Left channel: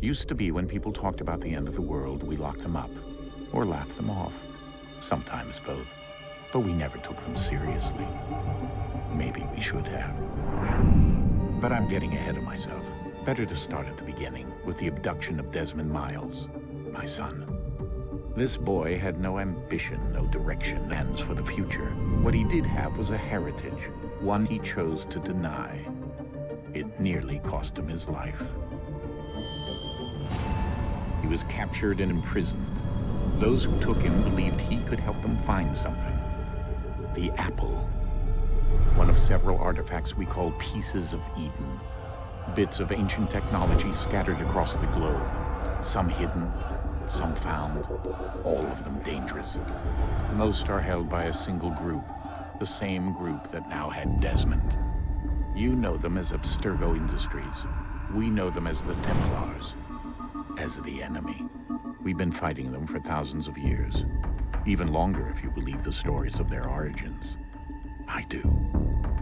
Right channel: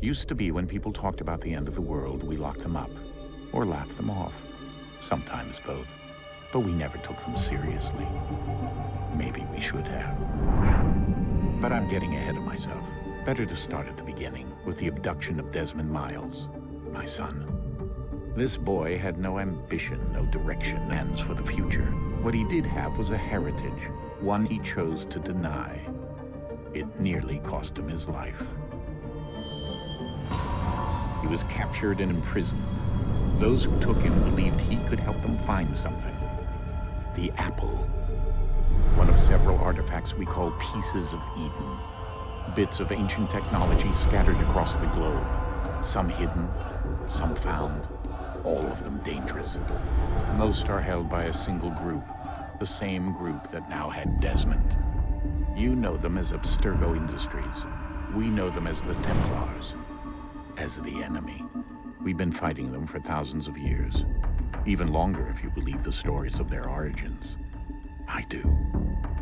Used to be when people talked about the end of the world, we locked them up, or laughed them off. Sometimes both. But we never took them seriously. Maybe we should have. But I'm getting ahead of myself. Better to start at the beginning, with the abduction of Desmond Miles, my son. This boy had no ambition, no direction, plans for the future. What he did have was a heritage, one he chose to deny. It nearly cost him his life. He was captured and imprisoned. Those who took him believed he could help them find something. The apple. One of several artifacts we call pieces of Eden. Bits of ancient technology scattered across the globe. Some hidden, some found, all of them dangerous. Most are held by a single group, the same group that now had Desmond. You know them as Abstergo Industries. We know them as the Templars. As the enemy. We've been fighting them for thousands of years. Even longer if you believe the stories of their origins. I do.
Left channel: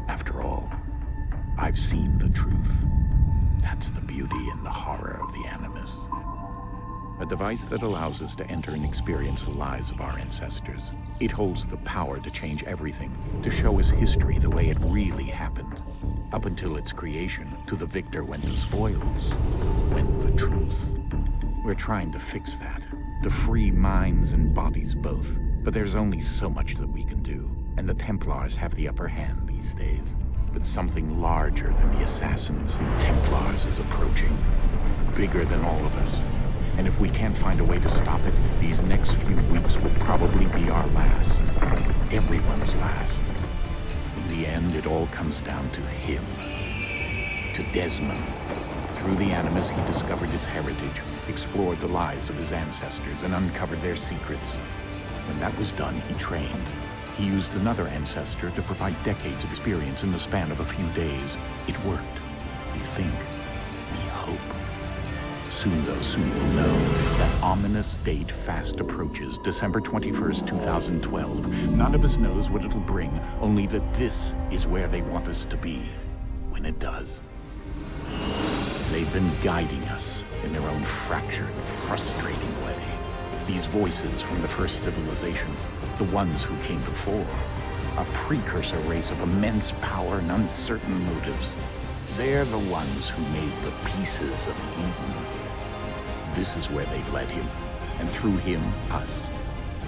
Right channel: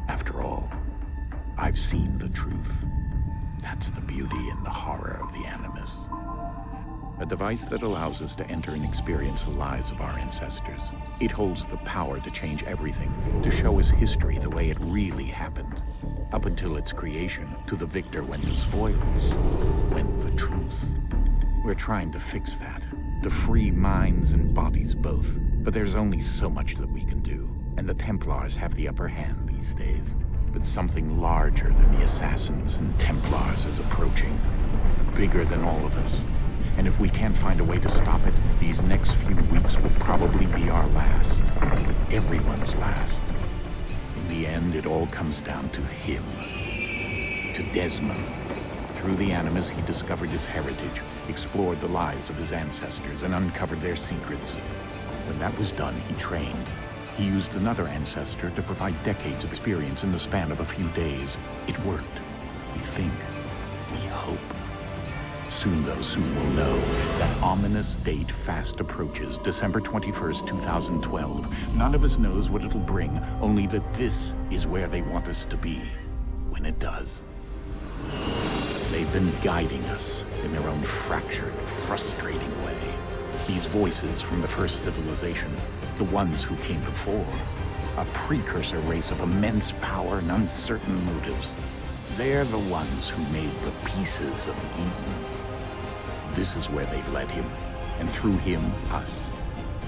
After all, I've seen the truth. That's the beauty and the horror of the Animus. A device that allows us to enter and experience the lives of our ancestors. It holds the power to change everything, to show us history the way it really happened. Up until its creation, to the victor went the spoils, went the truth. We're trying to fix that, to free minds and bodies both. But there's only so much that we can do, and the Templars have the upper hand these days. But something larger than the assassins and Templars is approaching, bigger than all of us. And if we can't find a way to stop it, these next few weeks will probably be our last. Everyone's last. In the end, it all comes down to him. To Desmond. Through the Animus, he discovered his heritage, explored the lives of his ancestors, and uncovered their secrets. When that was done, he trained. He used another ancestor to provide decades of experience in the span of a few days. It worked. We think. We hope. Soon, though, soon we'll know. That ominous date fast approaches, December 21st, 2012. None of us knows what it'll bring, only that this is where they want us to be. When it does. They've been guiding us in their own fractured, frustrating way. These voices from the first civilization, the ones who came before, a precursor race of immense power and uncertain motives. They're the ones who made the pieces of Eden. This is where they've led him, and through him, us.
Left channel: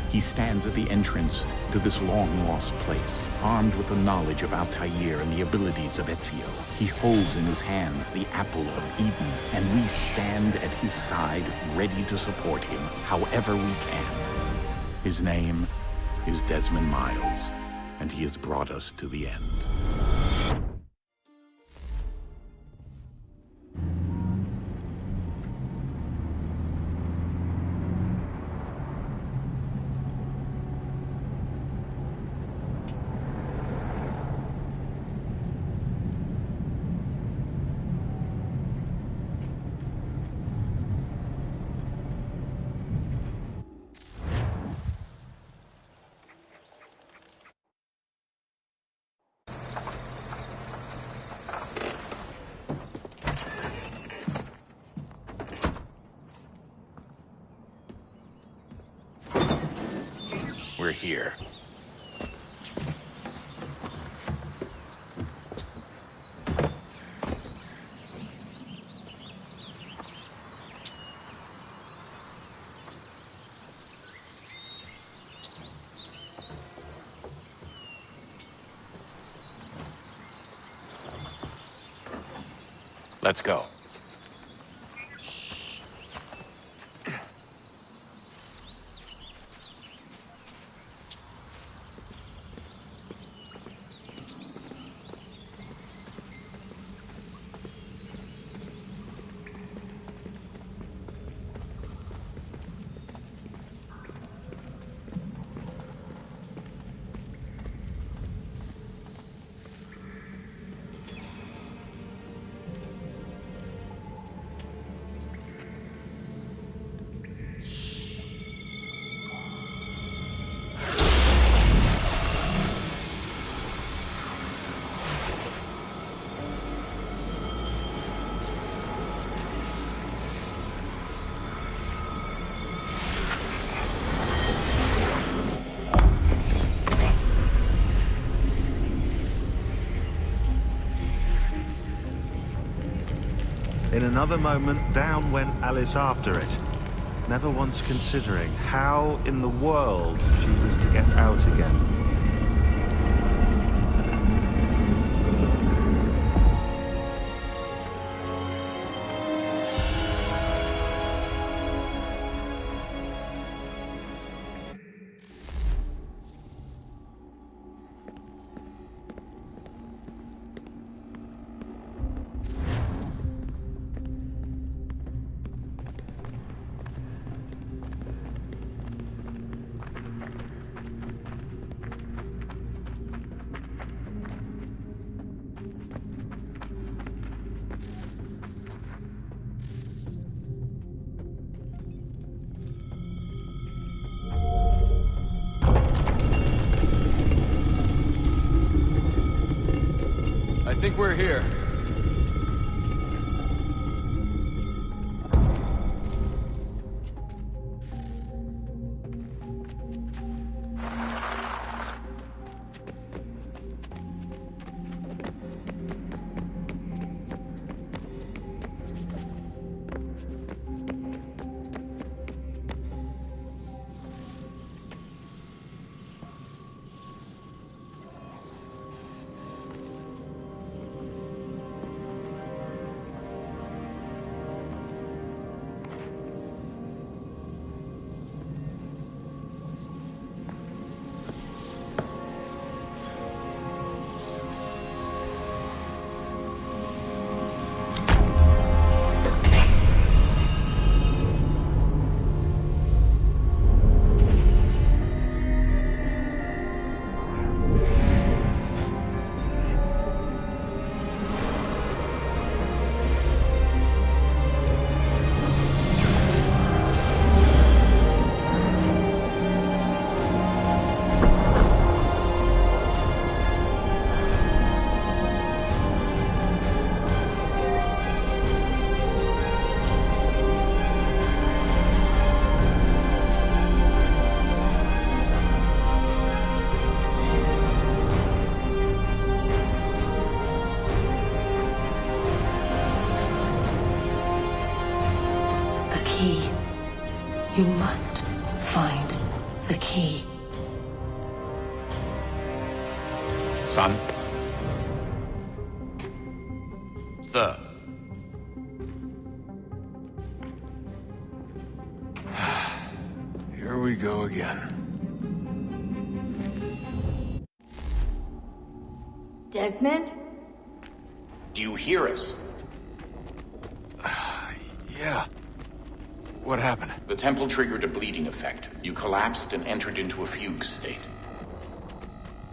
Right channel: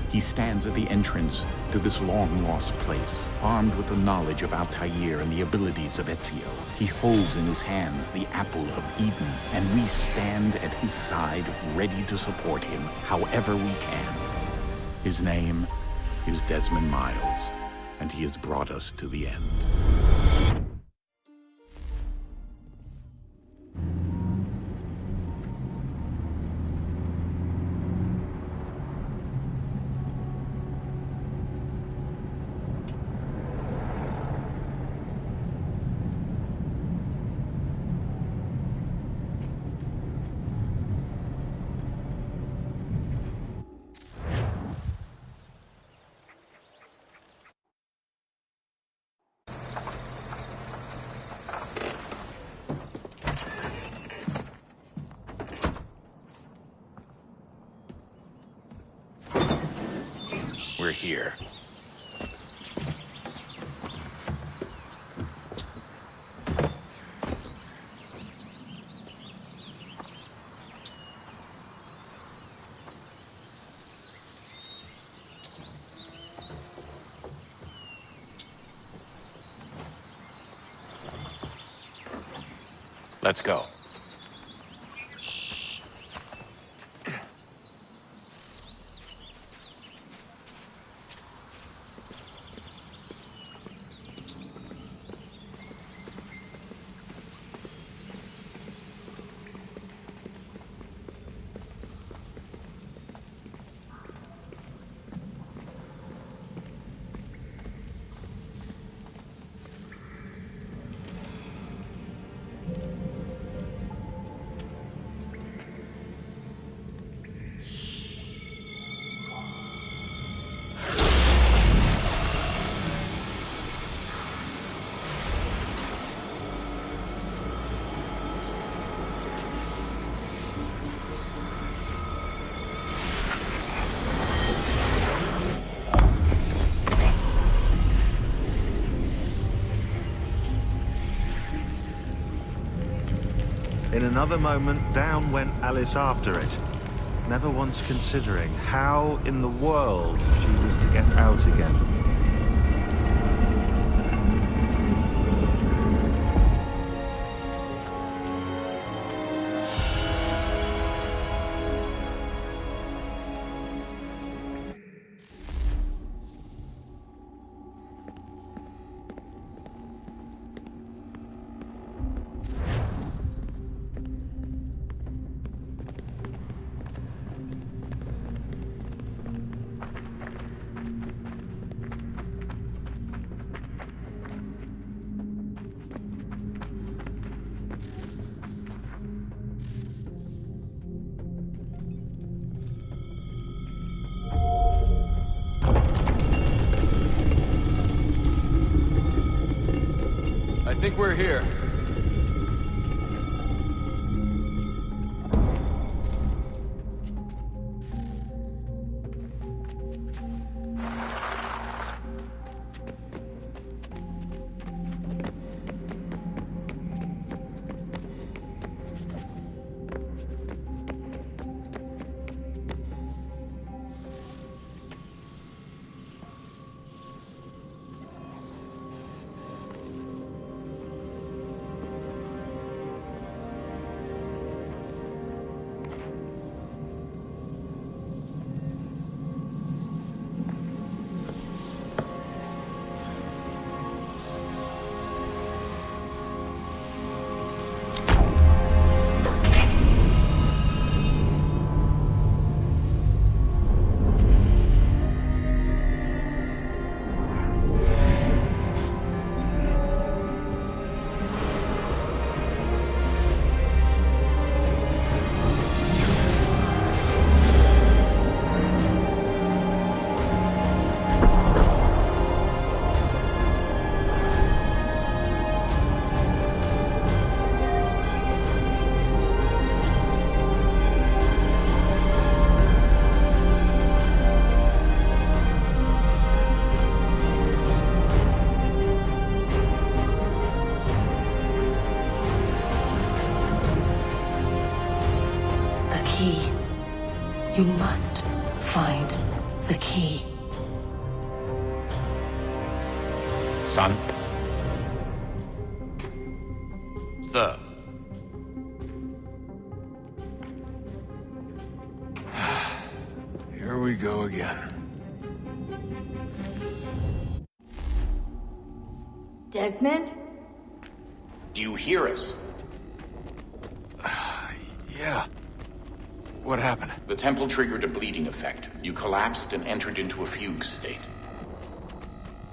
He stands at the entrance to this long-lost place, armed with the knowledge of Altair and the abilities of Ezio. He holds in his hands the apple of Eden, and we stand at his side, ready to support him however we can. His name is Desmond Miles, and he has brought us to the end. We're here. Let's go. In another moment, down went Alice after it, never once considering how in the world she was to get out again. I think we're here. Key. You must find the key. Son? Sir. Here we go again. Desmond? Do you hear us? Yeah. What happened? The temple triggered a bleeding effect. You collapsed and entered into a fugue state.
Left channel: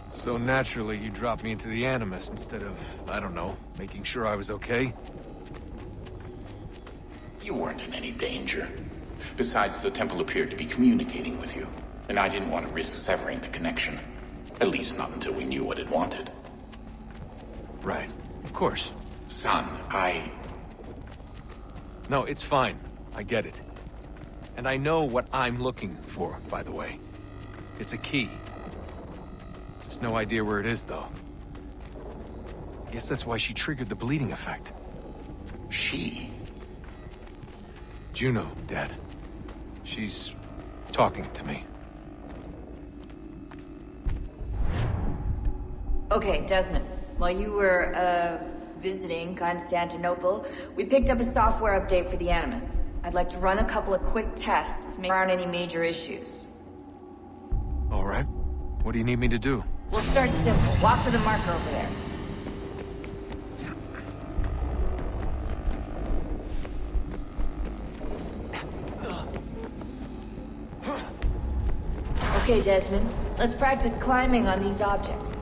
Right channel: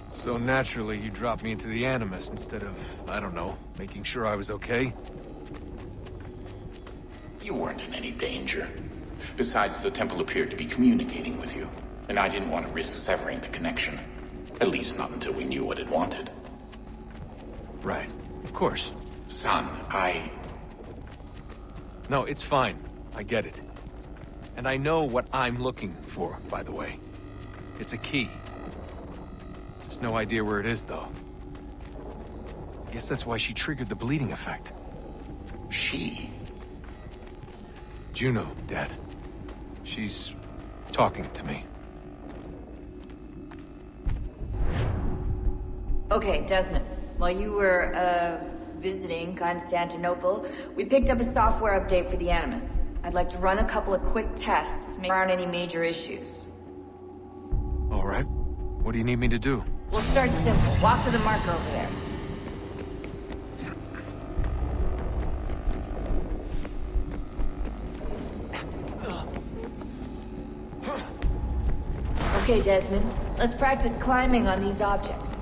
So naturally, you dropped me into the Animus instead of, I don't know, making sure I was okay? You weren't in any danger. Besides, the temple appeared to be communicating with you, and I didn't want to risk severing the connection. At least not until we knew what it wanted. Right. Of course. Son, No, it's fine. I get it. And I know what I'm looking for, by the way. It's a key. Just no idea where it is, though. I guess that's why she triggered the bleeding effect. She? Juno, Dad. She's talking to me. Okay, Desmond. While you were, visiting Constantinople, we picked up a software update for the Animus. I'd like to run a couple of quick tests, make sure there aren't any major issues. All right. What do you need me to do? We'll start simple. Walk to the marker over there. Okay, Desmond. Let's practice climbing on these objects.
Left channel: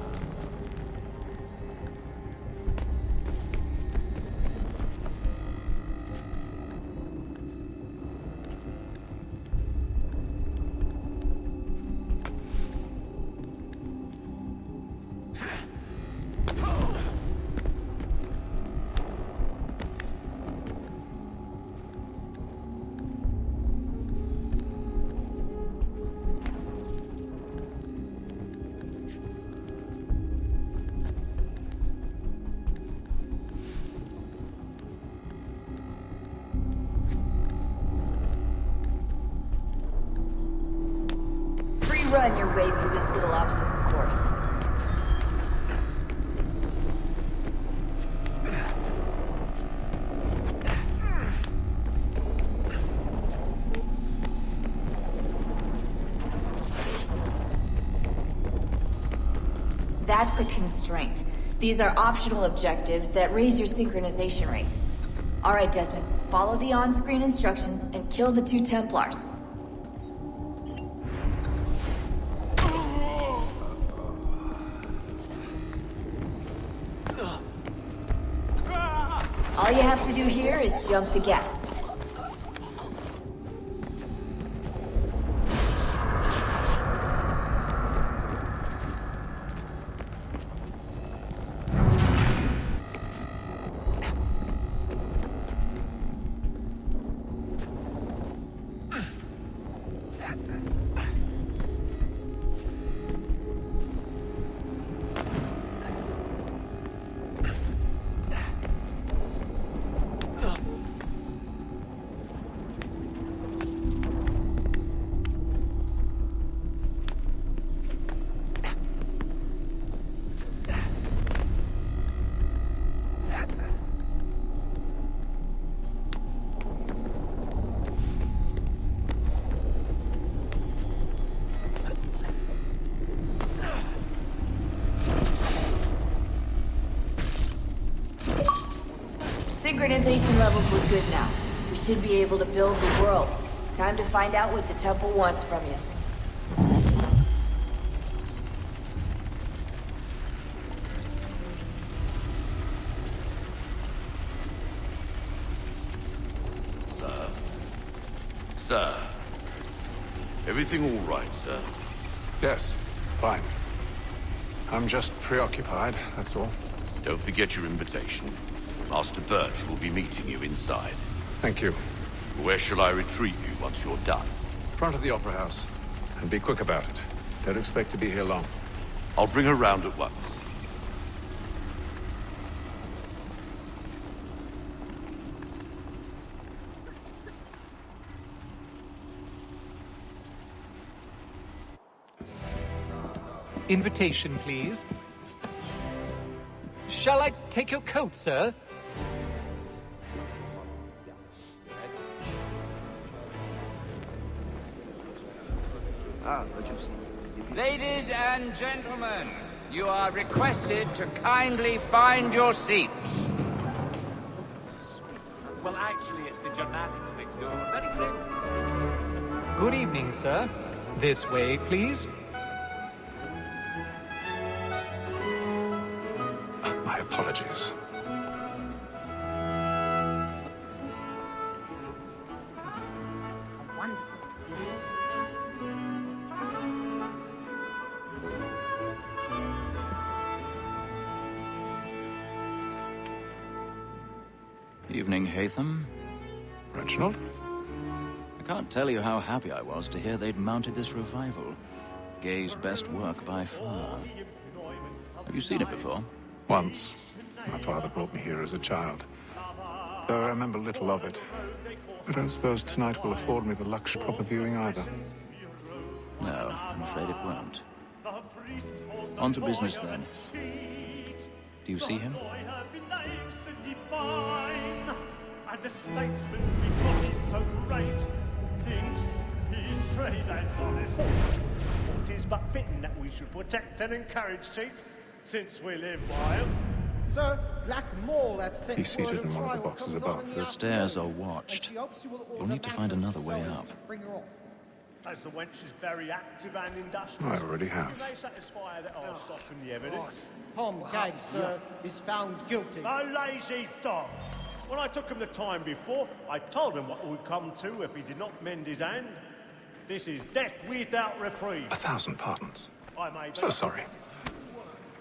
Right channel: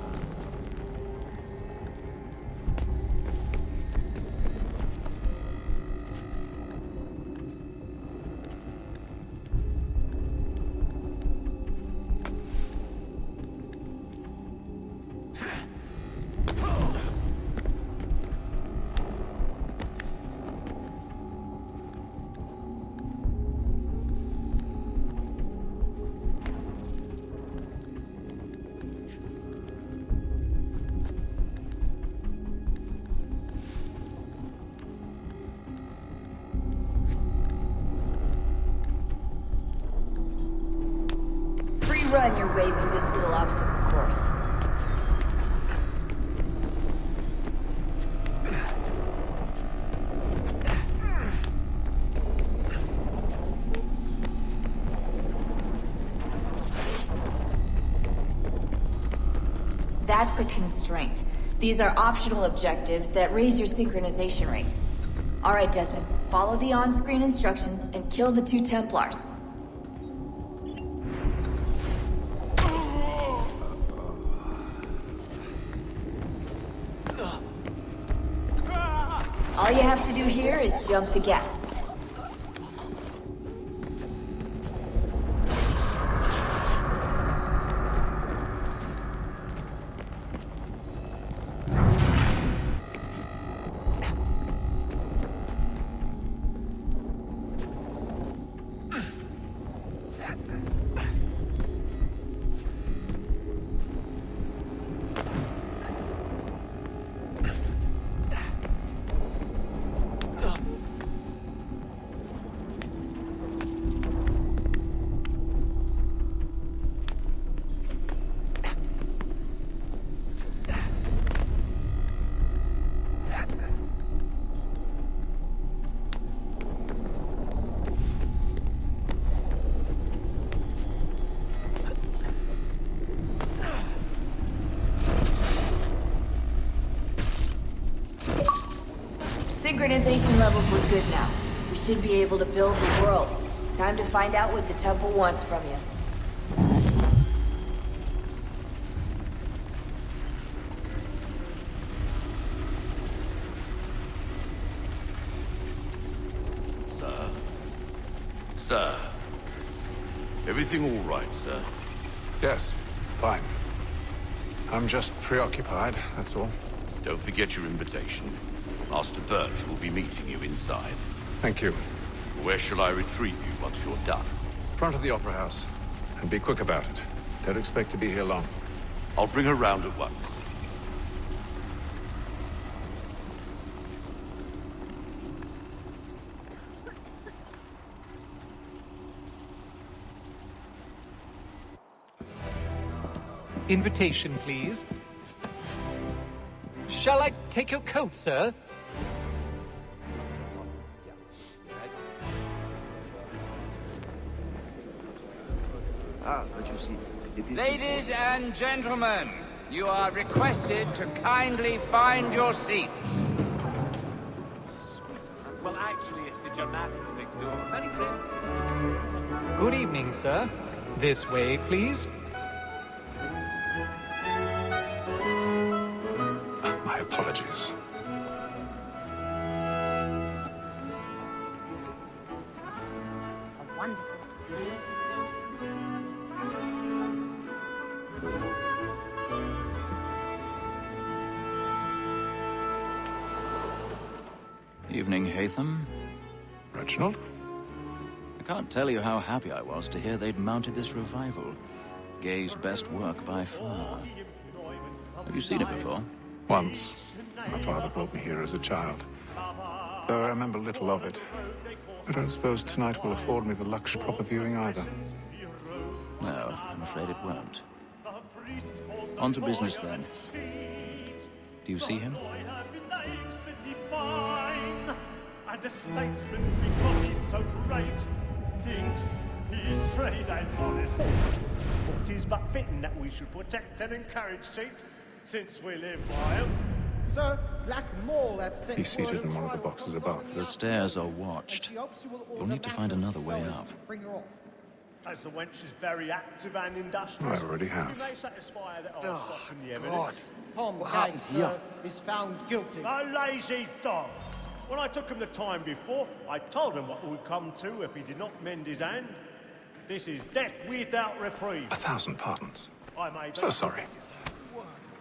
run your way through this little obstacle course. That's a constraint. These are optional objectives that raise your synchronization rate. All right, Desmond, follow the on-screen instructions and kill the 2 Templars. All you have to do here is jump the gap. Synchronization levels look good now. We should be able to build the world. Time to find out what the temple wants from you. Sir. Everything all right, sir? Yes, fine. I'm just preoccupied, that's all. Don't forget your invitation. Master Birch will be meeting you inside. Thank you. Where shall I retrieve you once you're done? Front of the Opera House. And be quick about it. Don't expect to be here long. I'll bring her round at once. Invitation, please. Shall I take your coat, sir? But you see, it is important. Gentlemen, you are requested to kindly find your seats. Good evening, sir. This way, please. My apologies. Evening, Hatham. Reginald? I can't tell you how happy I was to hear they'd mounted this revival. Gay's best work by far. Have you seen it before? Once. My father brought me here as a child. Though I remember little of it. I don't suppose tonight will afford me the luxury of proper viewing either. No, I'm afraid it won't. On to business, then. Do you see him? And the statesman, because he's so great, thinks his trade as honest. It is but fitting that we should protect and encourage cheats, since we live wild. Sir, Black Mole had sent He's seated in one of the boxes above. The stairs are watched. You'll need to find another way up. As the wench is very active and industrious, I already have. can they satisfy that I'll soften the evidence? Tom Gay, sir, is found guilty. A lazy dog! When I took him the time before, I told him what would come to if he did not mend his hand. This is death without reprieve. 1,000 pardons. I made So sorry.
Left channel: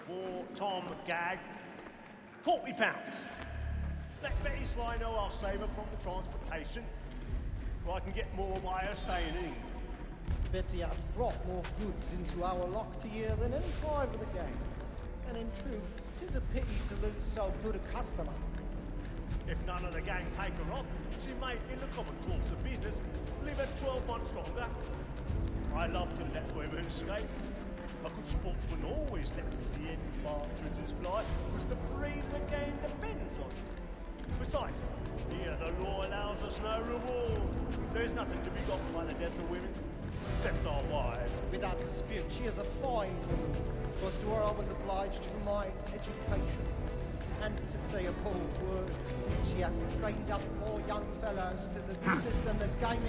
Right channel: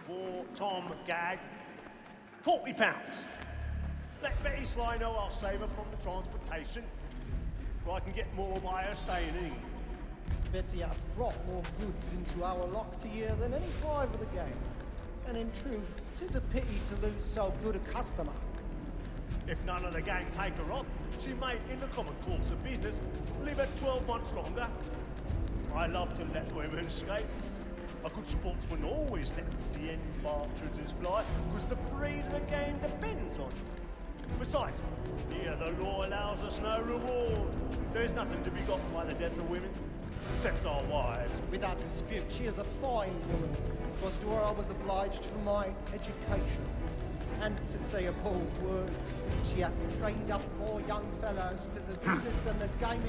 for Tom Gag, £40. Let Betty Sly know I'll save her from the transportation, or I can get more by her staying in. Betty has brought more goods into our lock to year than any five of the game. And in truth, 'tis a pity to lose so good a customer. If none of the gang take her off, she may, in the common course of business, live at 12 months longer. I love to let women escape. A good sportsman always lets the end partridges fly, because the breed of the game depends on it. Besides, here the law allows us no reward. There's nothing to be got by the death of women, except our wives. Without dispute, she is a fine woman. Was where I was obliged to my education, and to say a bold word, she hath trained up more young fellows to the business and the game.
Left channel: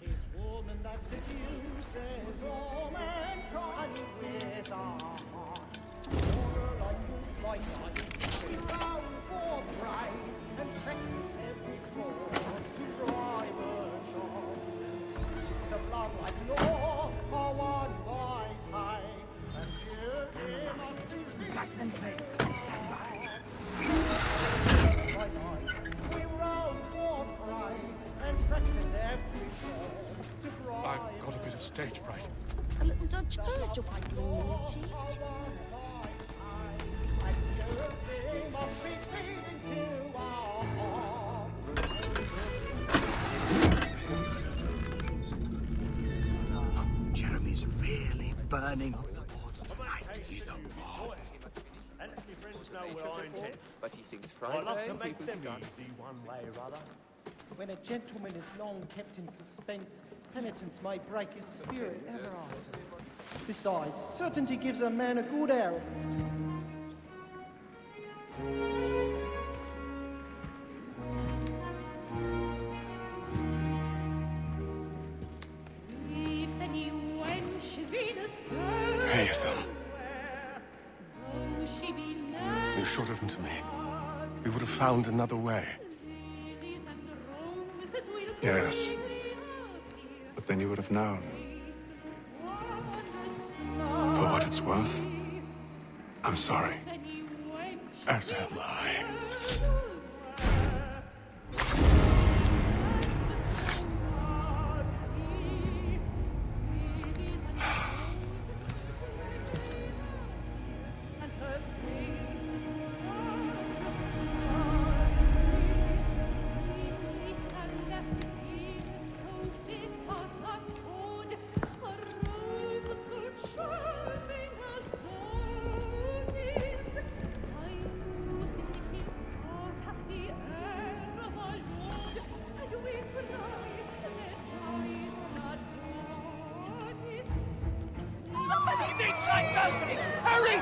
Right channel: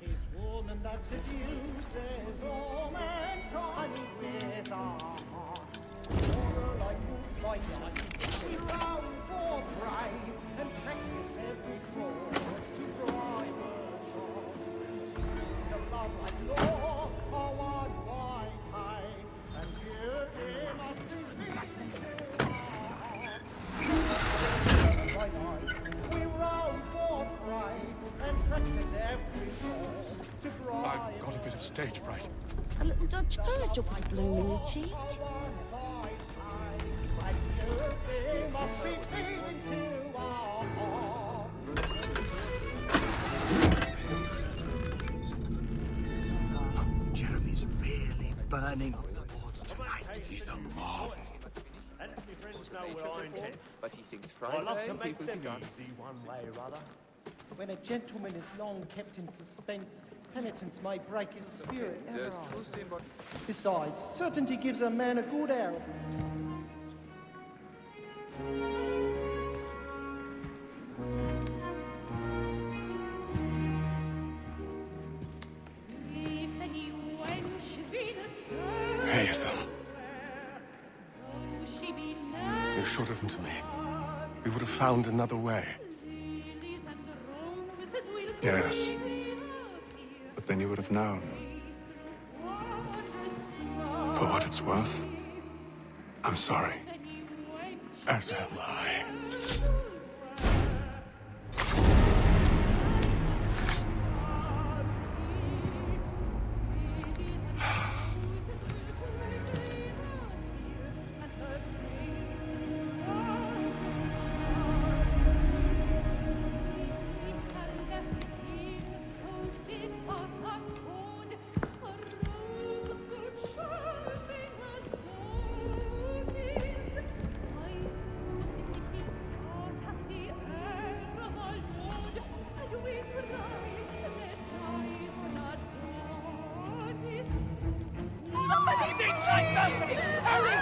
Tis woman that seduces all mankind. Fears our heart. My found for pride and practice every form. Private charms, teachings of love like law are one wise high, and beauty must be seen to our by night. We roam for pride and practice every form to drive. I've got a bit of stage fright. A little Dutch urge of blooming in your cheeks. Jeremy's really burning up the boards. And let me friends know what I intend. But he thinks I love Friday to make people them begun. easy one way or other. When a gentleman is long kept in suspense, penitence may break his spirit ever after. Besides, certainty gives a man a good arrow. Haytham. You should have come to me. We would have found another way. Yes. But then you would have known. For what it's worth, I'm sorry. As am I. Side balcony! Hurry!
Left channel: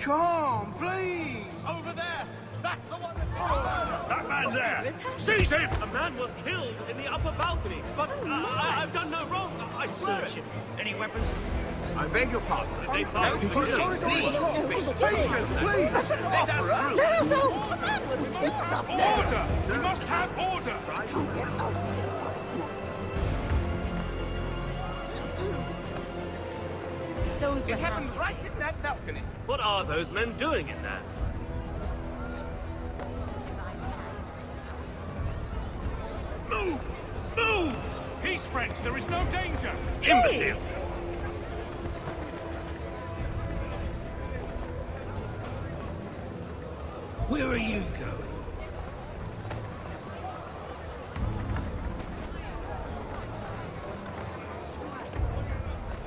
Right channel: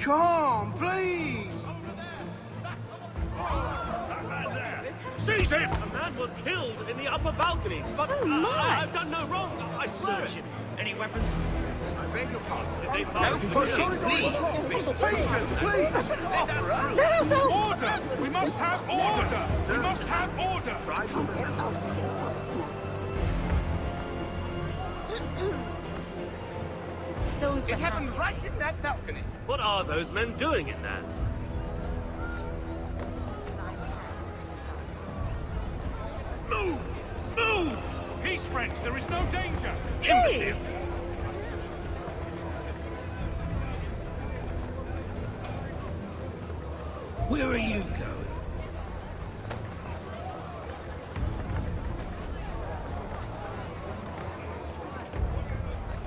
Come, please! Over there! That's the one That man there! Seize him! A man was killed in the upper balcony. Oh my! I beg your pardon. Did they find the The corridor is blocked. Patience, please! Let us through! Order! We must have order! It happened right in that balcony. What are those men doing in there? Move! Move! Hey! Where are you going?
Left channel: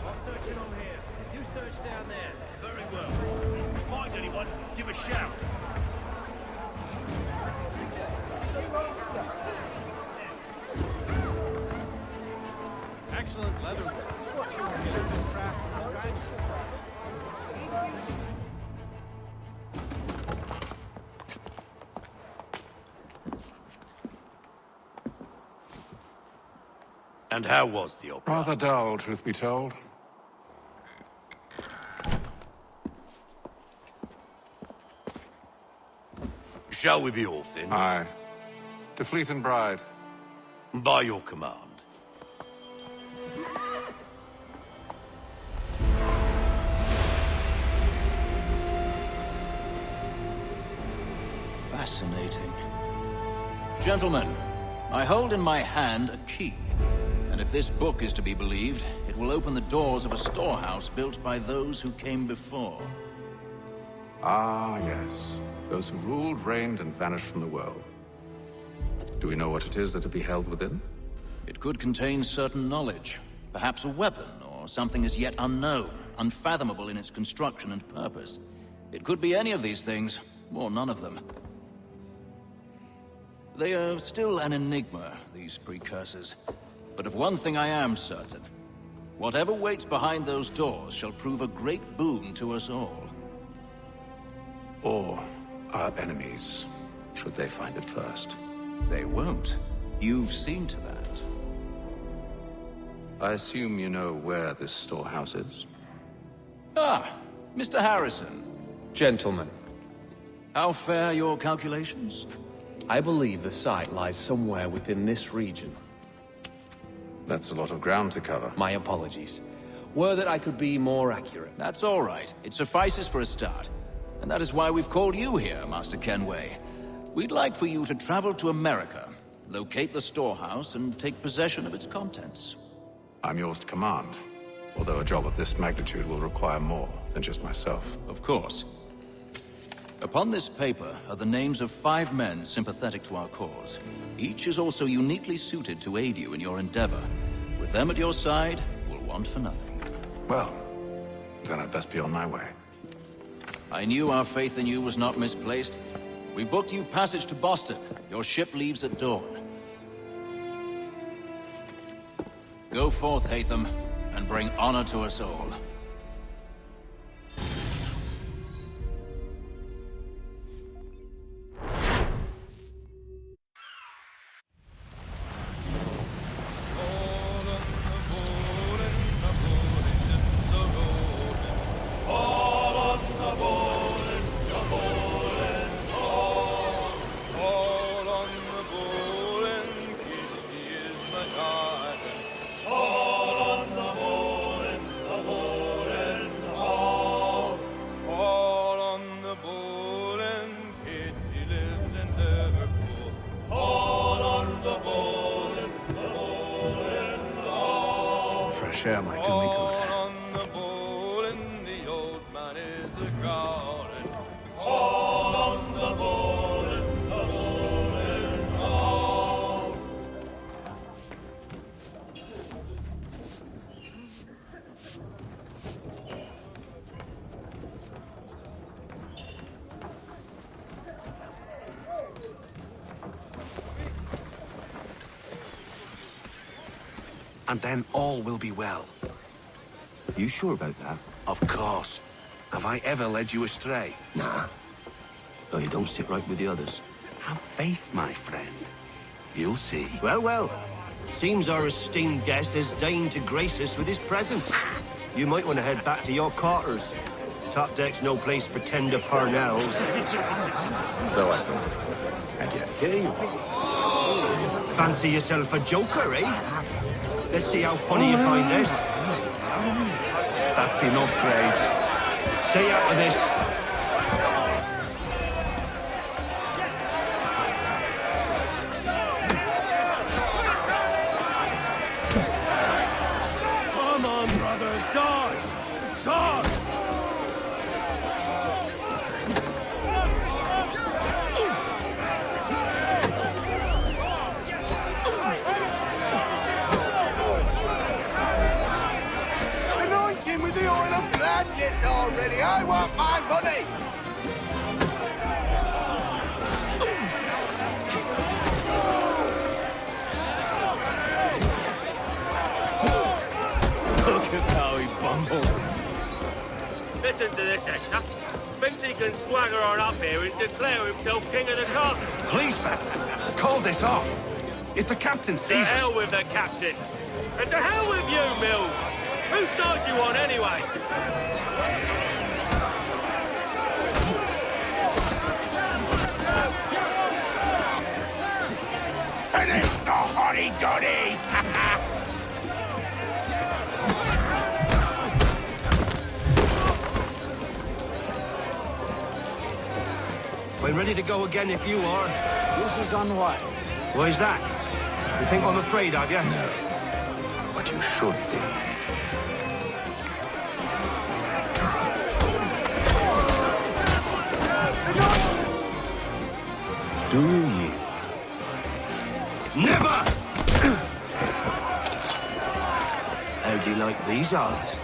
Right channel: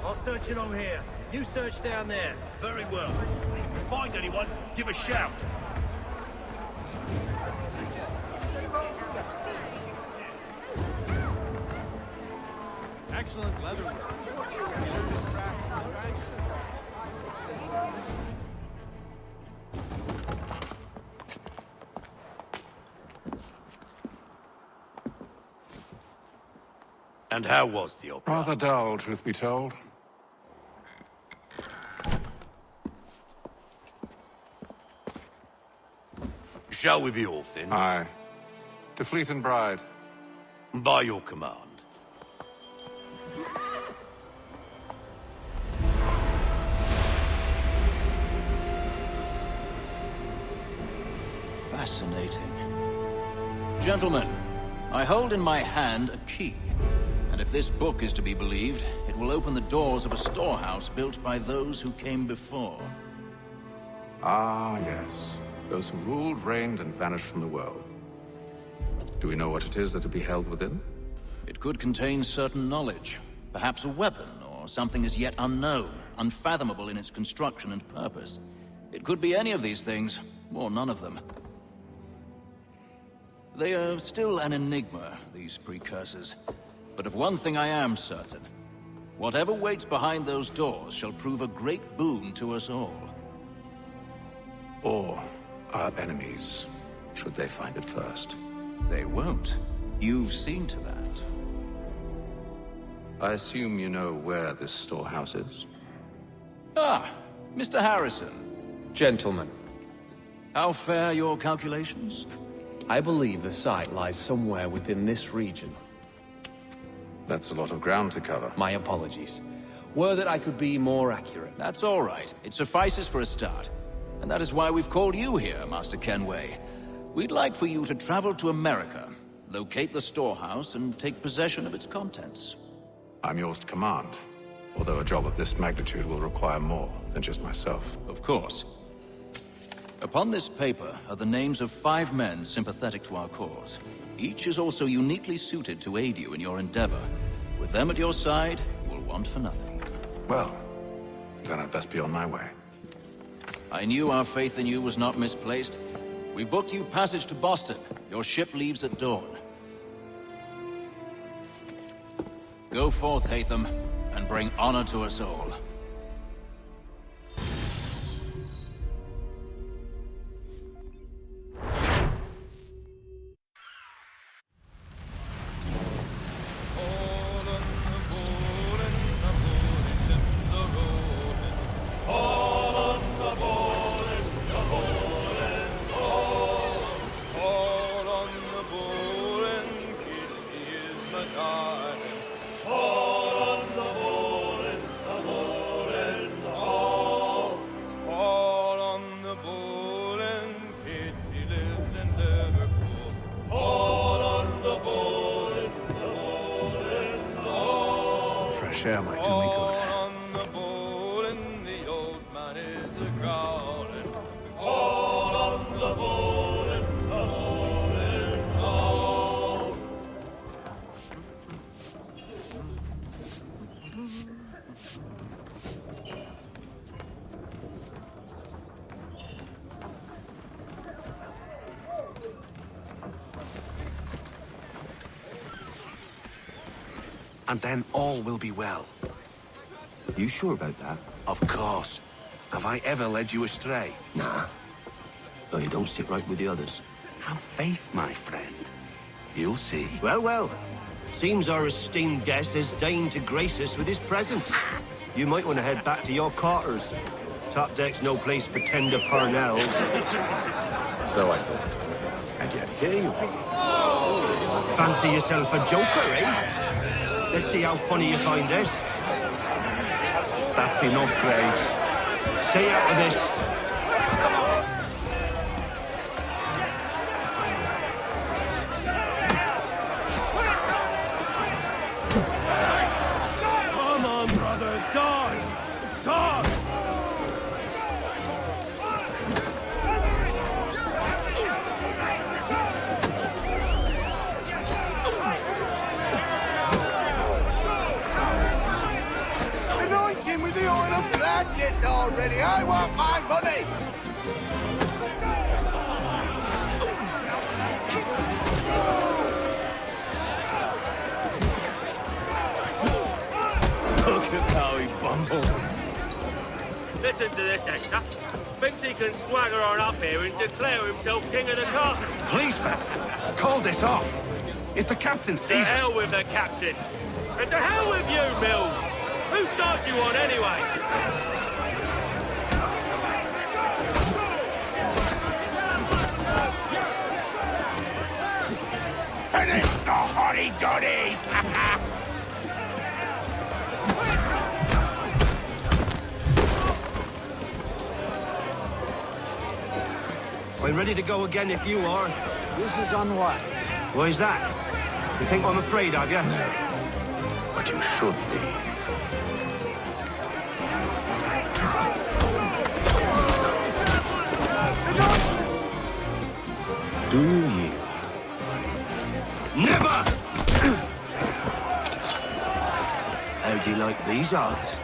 I'll search it on here. You search down there. Very well. If you find anyone, give a shout. And how was the opera? Rather dull, truth be told. Shall we be off then? Aye. To Fleet and Bride. By your command. Fascinating. Gentlemen, I hold in my hand a key. And if this book is to be believed, it will open the doors of a storehouse built by those who came before. Ah, yes. Those who ruled, reigned, and vanished from the world. Do we know what it is that to be held within? It could contain certain knowledge. Perhaps a weapon, or something as yet unknown, unfathomable in its construction and purpose. It could be any of these things, or none of them. They are still an enigma, these precursors. But of one thing I am certain. Whatever waits behind those doors shall prove a great boon to us all. Or our enemies, should they find it first. They won't. You've seen to that. I assume you know where this storehouse is? Ah, Mr. Harrison. Gentlemen. How fare your calculations? I believe the site lies somewhere within this region. That's a lot of ground to cover. My apologies. Were that I could be more accurate. That's all right. It suffices for a start. And that is why we've called you here, Master Kenway. We'd like for you to travel to America, locate the storehouse, and take possession of its contents. I'm yours to command, although a job of this magnitude will require more than just myself. Of course. Upon this paper are the names of 5 men sympathetic to our cause. Each is also uniquely suited to aid you in your endeavor. With them at your side, you will want for nothing. Well, then I'd best be on my way. I knew our faith in you was not misplaced. We've booked you passage to Boston. Your ship leaves at dawn. Go forth, Hatham, and bring honor to us all. Fresh air might do me good. And then all will be well. You sure about that? Of course. Have I ever led you astray? Nah. Though you don't sit right with the others. Have faith, my friend. You'll see. Well, well. Seems our esteemed guest has deigned to grace us with his presence. You might want to head back to your quarters. Top deck's no place for tender parnells. So I thought. And yet here you are. Fancy yourself a joker, eh? Let's see how funny you find this. That's enough, Graves. Stay out of this. Come on, brother, dodge! Dodge! With the oil of gladness already. I want my money. Look at how he bumbles. Listen to this, Hector. Thinks he can swagger on up here and declare himself king of the castle. Please, fellas, call this off. If the captain sees us... To hell with the captain. And to hell with you, Mills. Whose side do you on, anyway? Finish the hotty-dotty! I'm ready to go again if you are. This is unwise. Why is that? You think I'm afraid of you? No. But you should be. Do you yield? Never! How do you like these odds?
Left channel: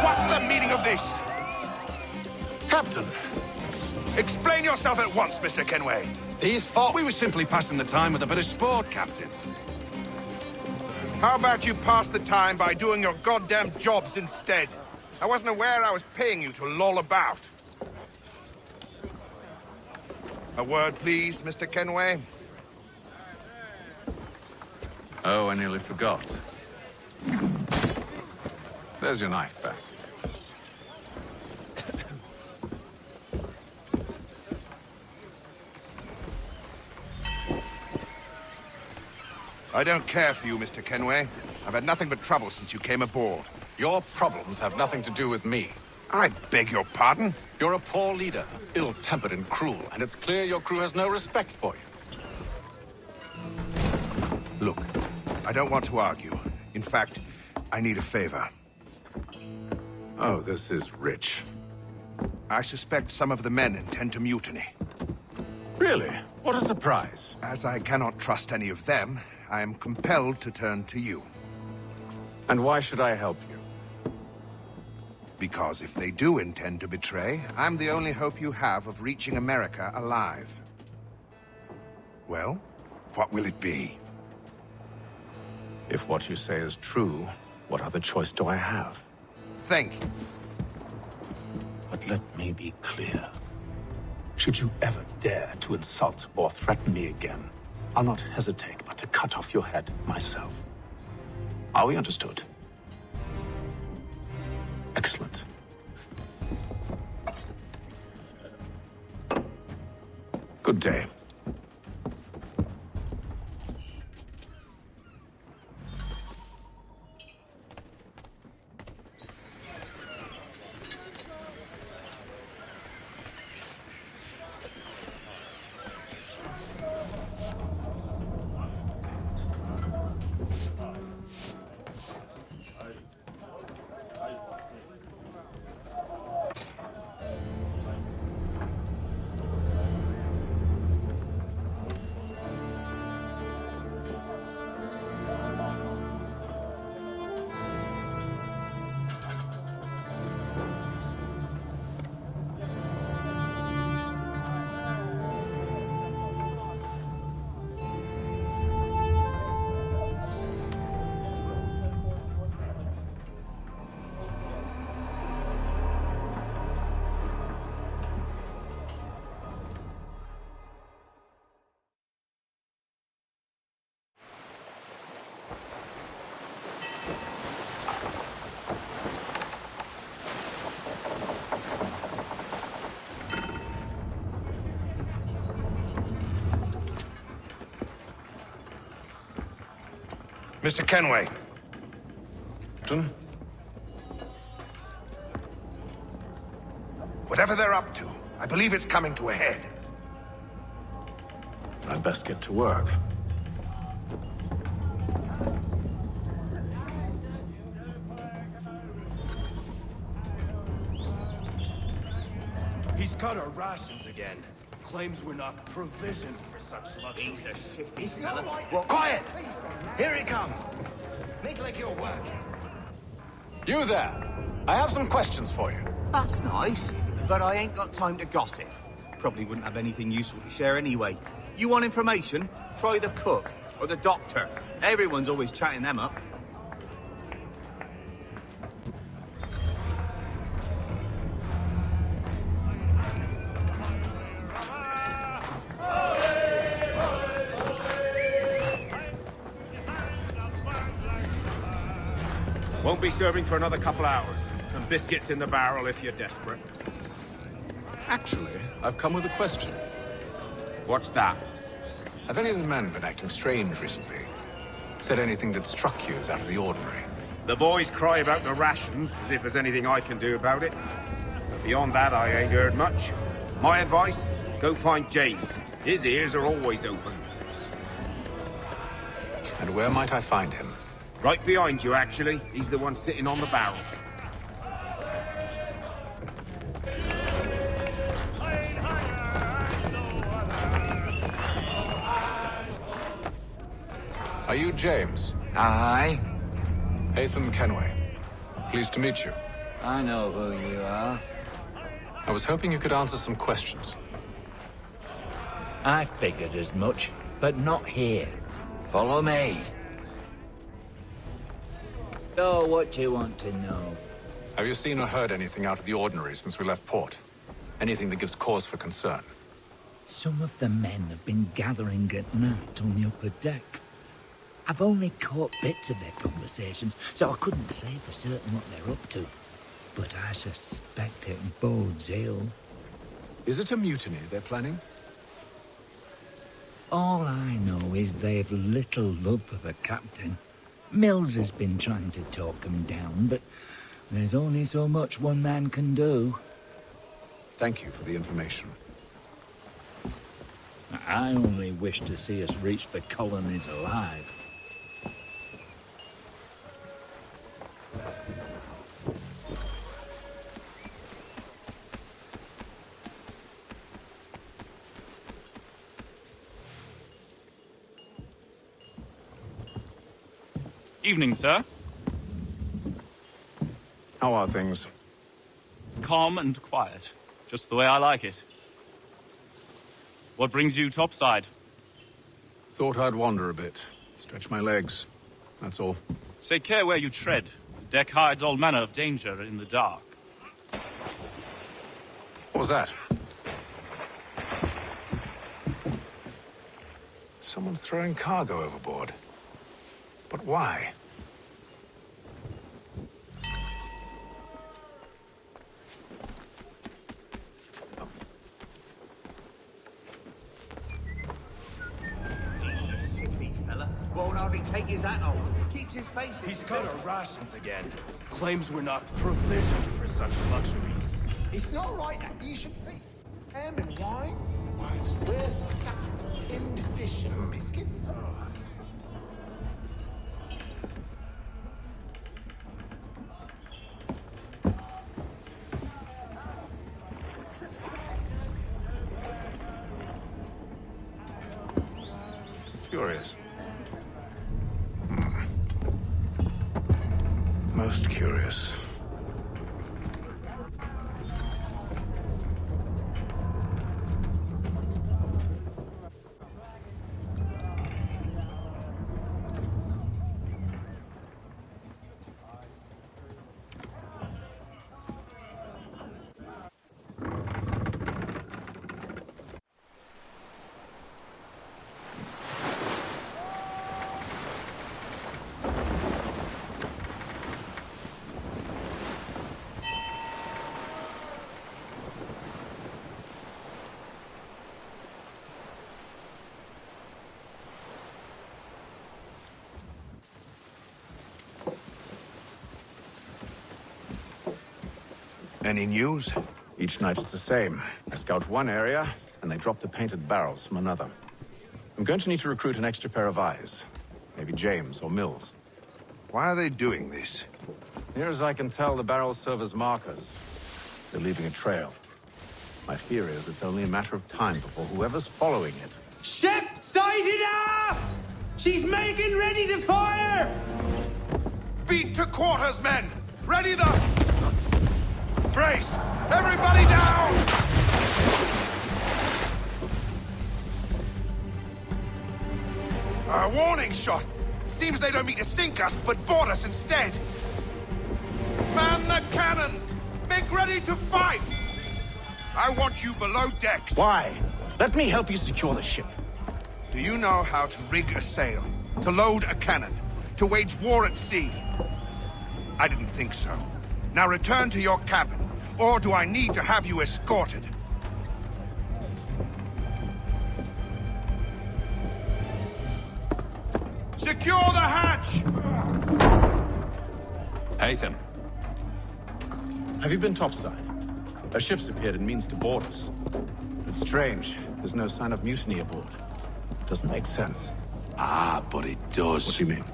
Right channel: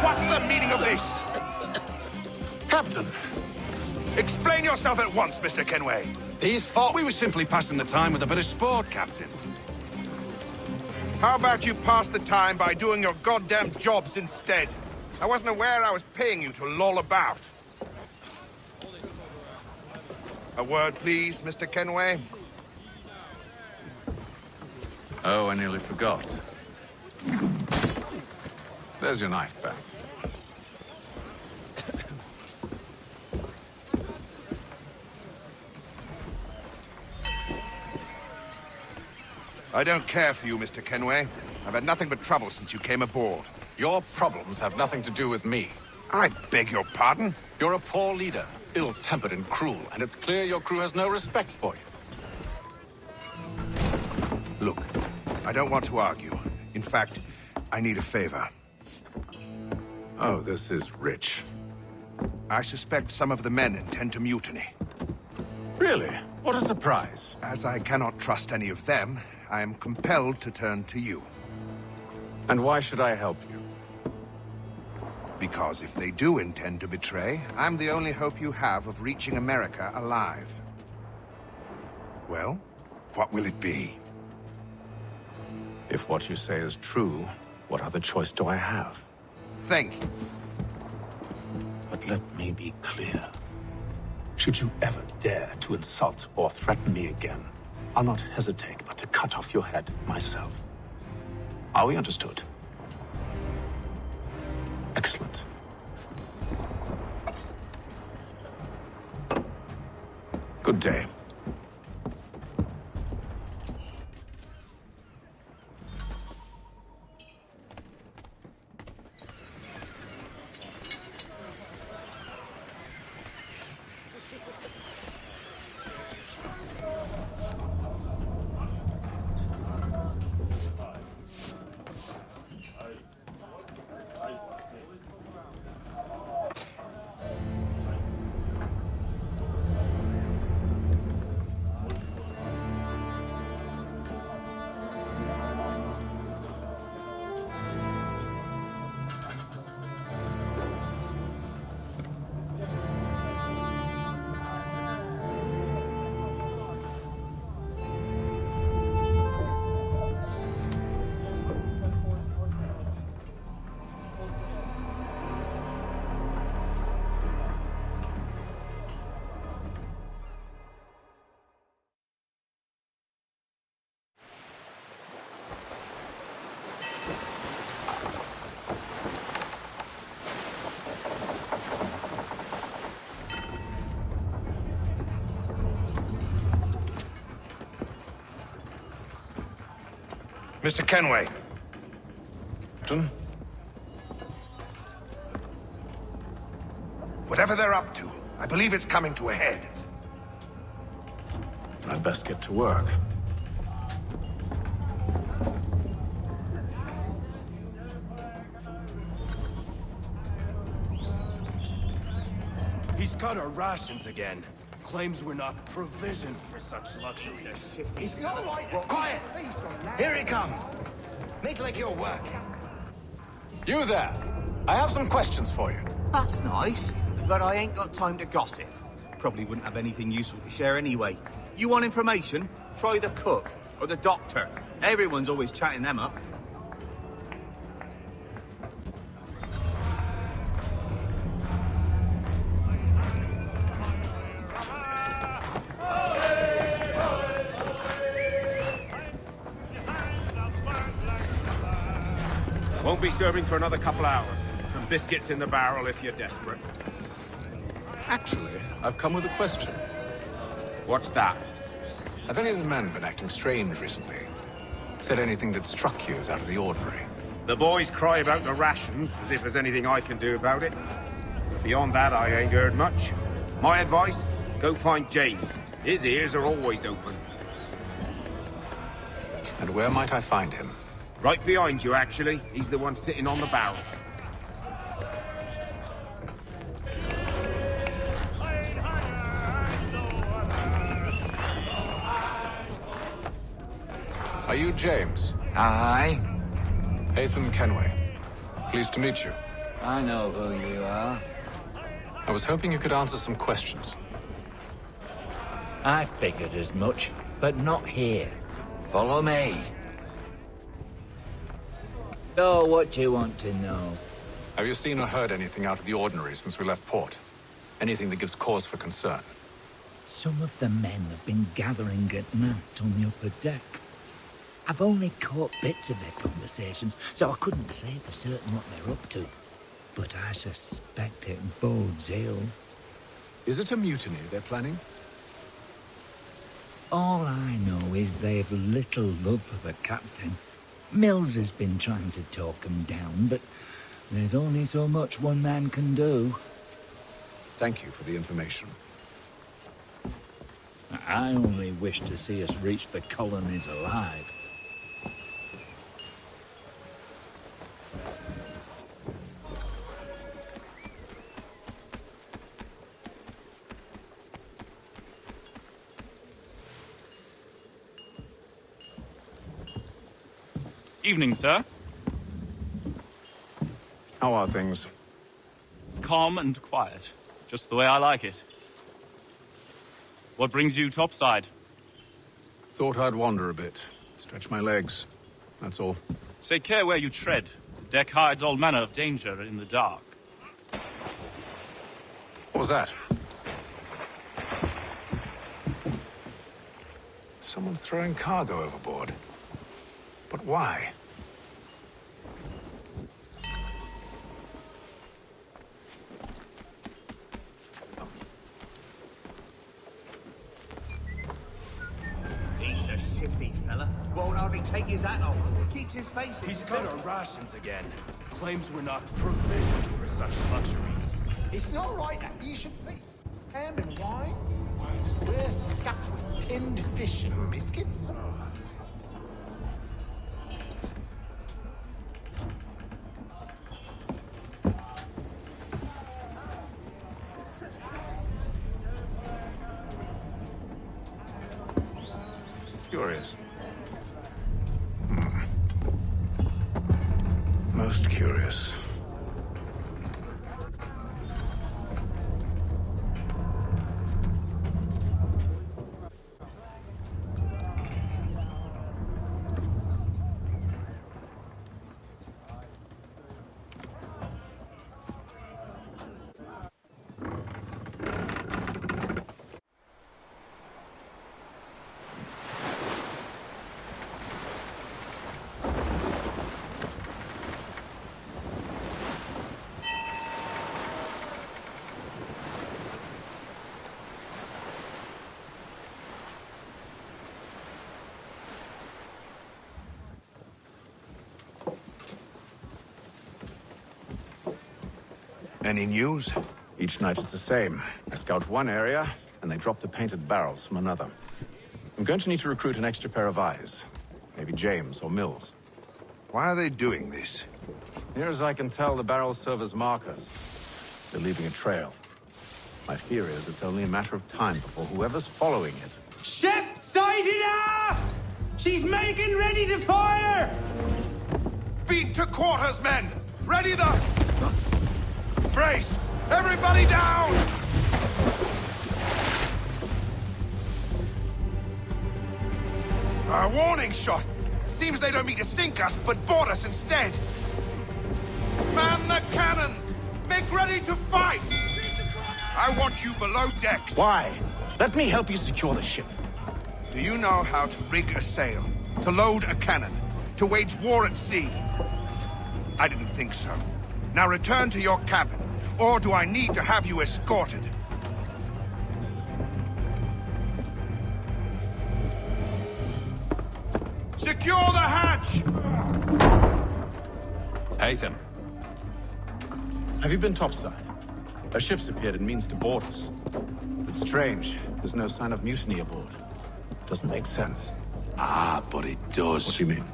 What's the meaning of this? Captain, explain yourself at once, Mr. Kenway. These thought we were simply passing the time with a bit of sport, Captain. How about you pass the time by doing your goddamn jobs instead? I wasn't aware I was paying you to loll about. A word, please, Mr. Kenway. Oh, I nearly forgot. There's your knife back. I don't care for you, Mr. Kenway. I've had nothing but trouble since you came aboard. Your problems have nothing to do with me. I beg your pardon? You're a poor leader, ill-tempered and cruel, and it's clear your crew has no respect for you. Look, I don't want to argue. In fact, I need a favor. Oh, this is rich. I suspect some of the men intend to mutiny. Really? What a surprise. As I cannot trust any of them, I am compelled to turn to you. And why should I help you? Because if they do intend to betray, I'm the only hope you have of reaching America alive. Well, what will it be? If what you say is true, what other choice do I have? Thank you. But let me be clear. Should you ever dare to insult or threaten me again, I'll not hesitate but to cut off your head myself. Are we understood? Excellent. Good day. Mr. Kenway. Captain? Whatever they're up to, I believe it's coming to a head. I'd best get to work. He's cut our rations again. Claims we're not provisioned for such luck. He's a shifty fella. Well, quiet! Here he comes. Make like your work. You there! I have some questions for you. That's nice, but I ain't got time to gossip. Probably wouldn't have anything useful to share anyway. You want information? Try the cook or the doctor. Everyone's always chatting them up. Won't be serving for another couple hours. Some biscuits in the barrel if you're desperate. Actually, I've come with a question. What's that? Have any of the men been acting strange recently? Said anything that struck you as out of the ordinary? The boys cry about the rations, as if there's anything I can do about it. But beyond that, I ain't heard much. My advice? Go find James. His ears are always open. And where might I find him? Right behind you, actually. He's the one sitting on the barrel. Are you James? Aye. Haytham Kenway. Pleased to meet you. I know who you are. I was hoping you could answer some questions. I figured as much, but not here. Follow me. So, what do you want to know? Have you seen or heard anything out of the ordinary since we left port? Anything that gives cause for concern? Some of the men have been gathering at night on the upper deck. I've only caught bits of their conversations, so I couldn't say for certain what they're up to. But I suspect it bodes ill. Is it a mutiny they're planning? All I know is they've little love for the captain. Mills has been trying to talk him down, but there's only so much one man can do. Thank you for the information. I only wish to see us reach the colonies alive. Evening, sir. How are things? Calm and quiet. Just the way I like it. What brings you topside? Thought I'd wander a bit. Stretch my legs. That's all. Take care where you tread. The deck hides all manner of danger in the dark. What was that? Someone's throwing cargo overboard. But why? He's cut our rations again. Claims we're not. Ham and wine? We're stuck with tinned fish and biscuits. Curious. Most curious. Any news? Each night it's the same. I scout one area, and they drop the painted barrels from another. I'm going to need to recruit an extra pair of eyes. Maybe James or Mills. Why are they doing this? Near as I can tell, the barrels serve as markers. They're leaving a trail. My fear is it's only a matter of time before whoever's following it... Ship sighted aft! She's making ready to fire! Beat to quarters, men! Ready the... Brace! Everybody down! A warning shot! Seems they don't mean to sink us, but board us instead! Man the cannons! Make ready to fight! I want you below decks! Why? Let me help you secure the ship. Do you know how to rig a sail? To load a cannon? To wage war at sea? I didn't think so. Now return to your cabin, or do I need to have you escorted? Secure the hatch! Haytham. Have you been topside? A ship's appeared and means to board us. It's strange. There's no sign of mutiny aboard. Doesn't make sense. Ah, but it does. What do you mean?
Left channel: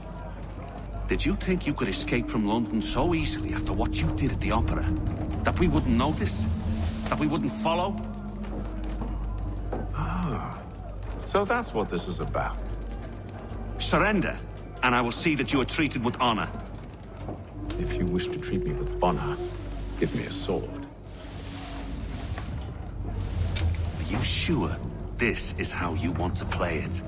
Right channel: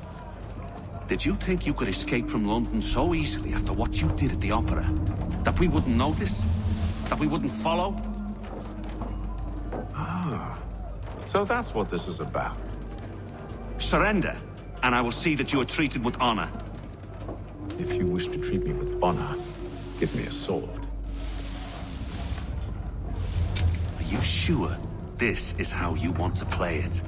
Did you think you could escape from London so easily after what you did at the opera? That we wouldn't notice? That we wouldn't follow? Ah, so that's what this is about. Surrender, and I will see that you are treated with honor. If you wish to treat me with honor, give me a sword. Are you sure this is how you want to play it?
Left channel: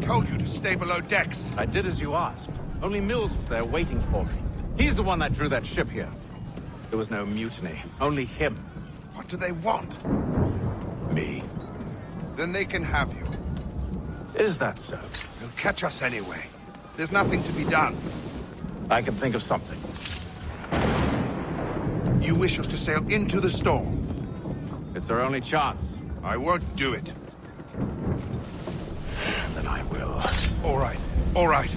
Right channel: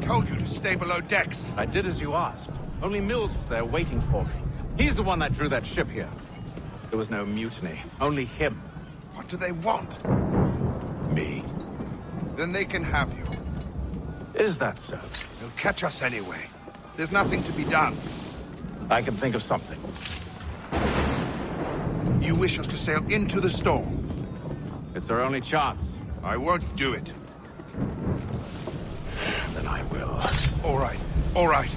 Told you to stay below decks. I did as you asked. Only Mills was there waiting for me. He's the one that drew that ship here. There was no mutiny, only him. What do they want? Me. Then they can have you. Is that so? They'll catch us anyway. There's nothing to be done. I can think of something. You wish us to sail into the storm? It's our only chance. I won't do it. Then I will. All right, all right.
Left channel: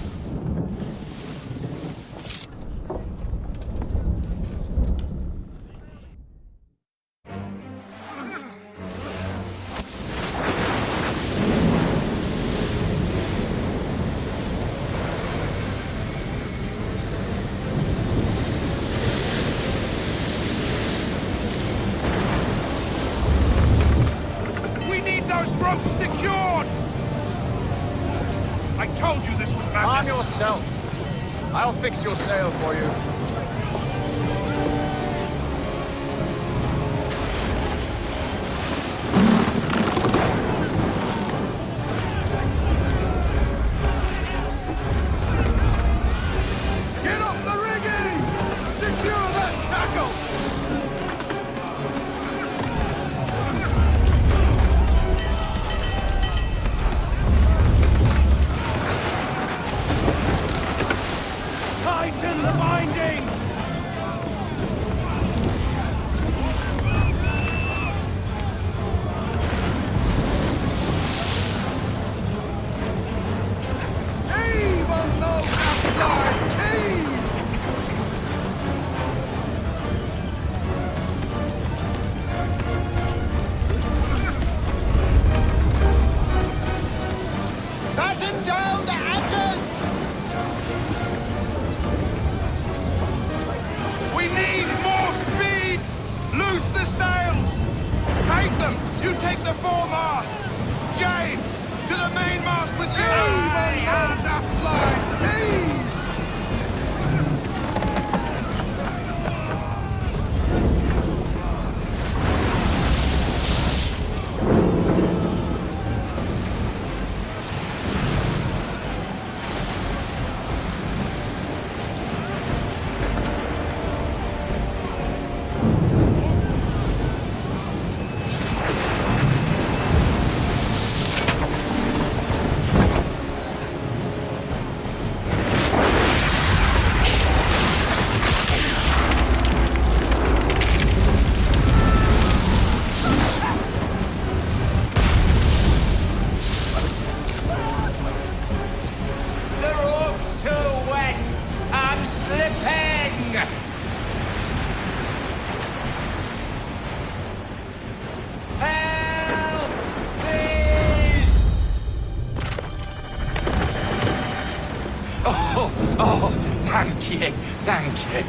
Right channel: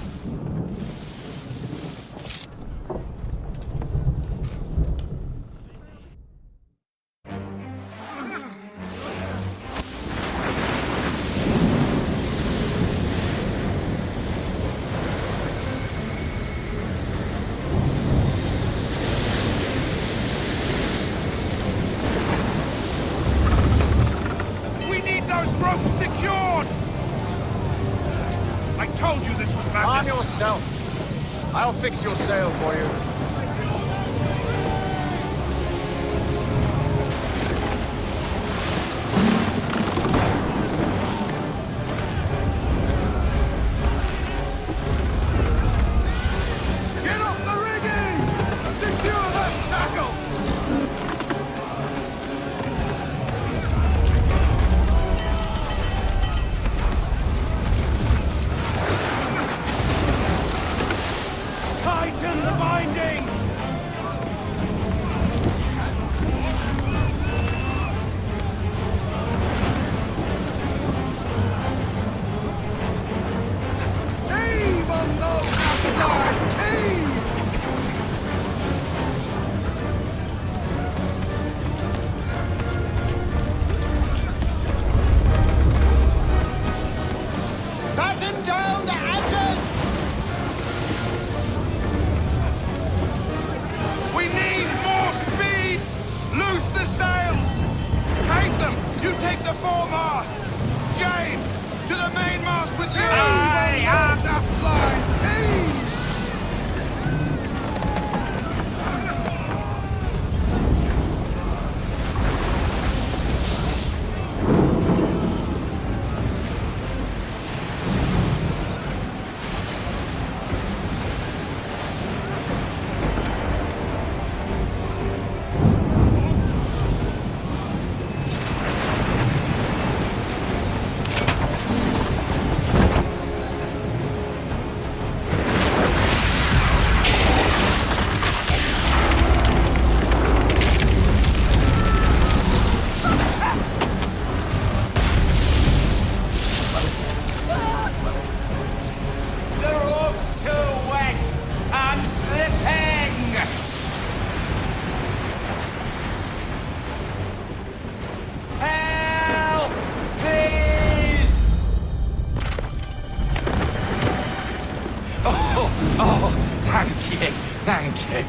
We need those ropes secured! I told you this was madness! Arm yourself. I'll fix your sail for you. Get off the rigging! Secure that tackle! Tighten the bindings! Heave on those outside keys! Batten down the hatches! We need more speed! Loose the sails! Take them! You take the foremast! James! To the mainmast with you! Heave on those aft line! Heave! The rope's too wet! I'm slipping! Help! Oh, thank you, thank you.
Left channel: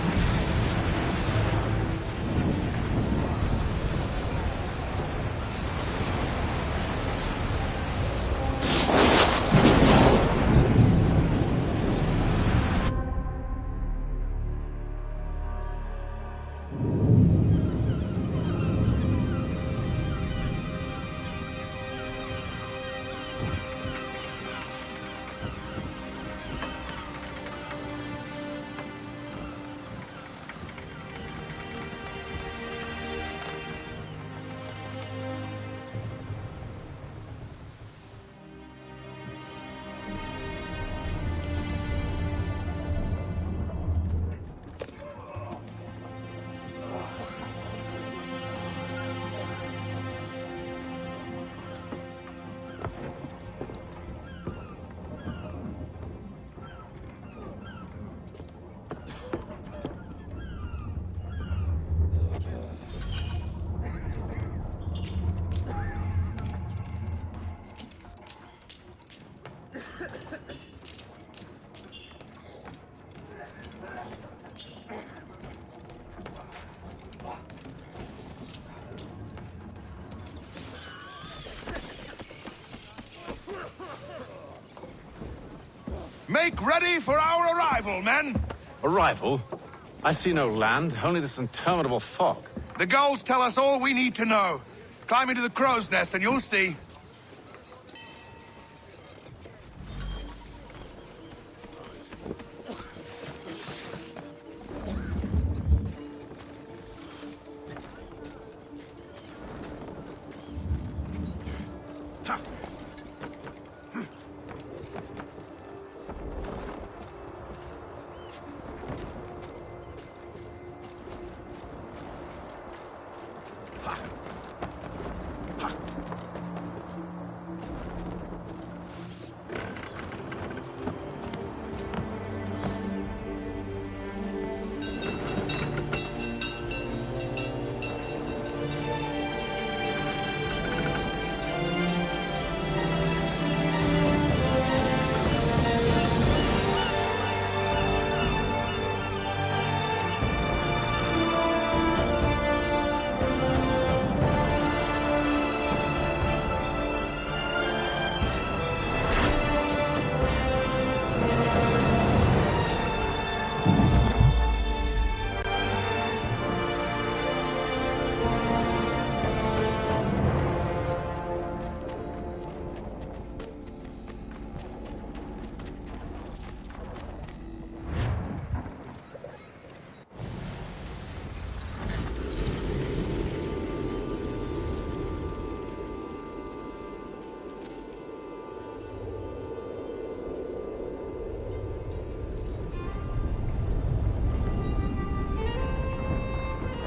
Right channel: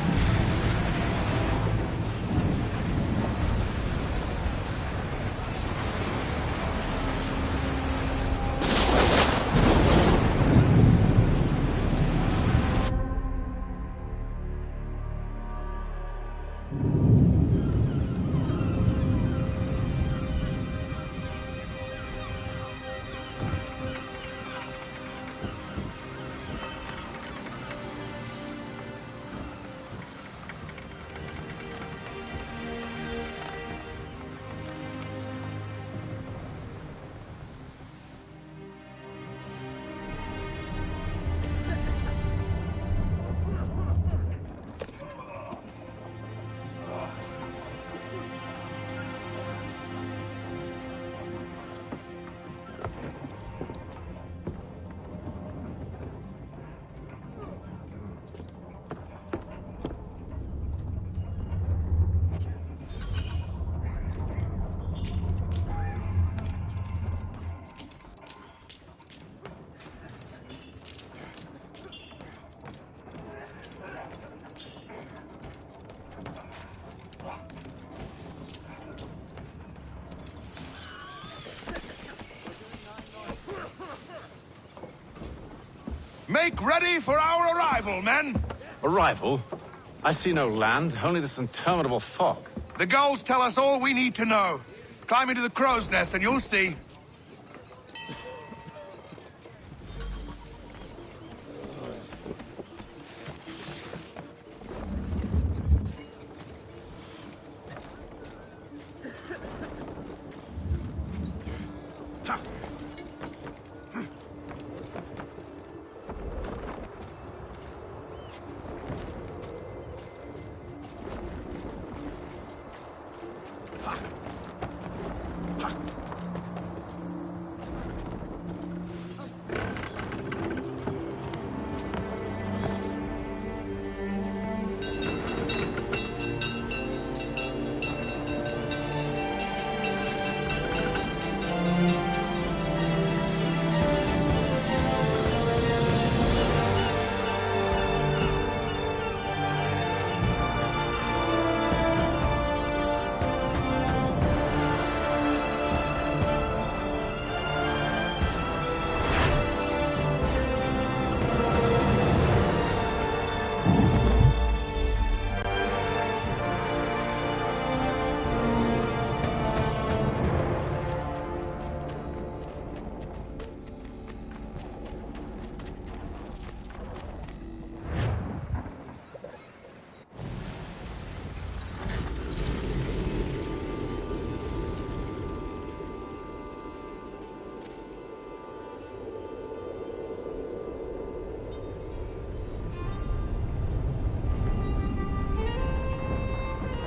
Make ready for our arrival, men! Arrival? I see no land, only this interminable fog. The gulls tell us all we need to know. Climb into the crow's nest and you'll see.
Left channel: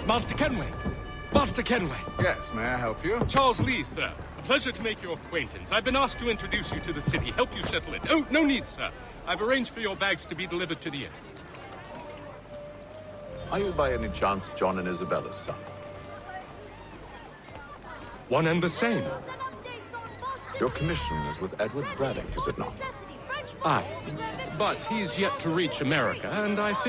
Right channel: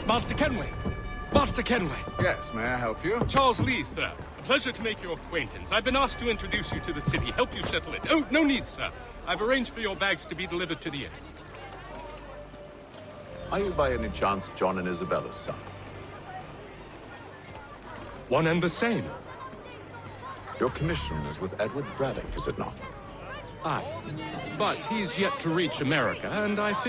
Master Kenway! Master Kenway! Yes, may I help you? Charles Lee, sir. A pleasure to make your acquaintance. I've been asked to introduce you to the city, help you settle it. Oh, no need, sir. I've arranged for your bags to be delivered to the inn. Are you by any chance John and Isabella's son? One and the same. Your commission is with Edward Braddock, is it not? Aye. But he's yet to reach America, and I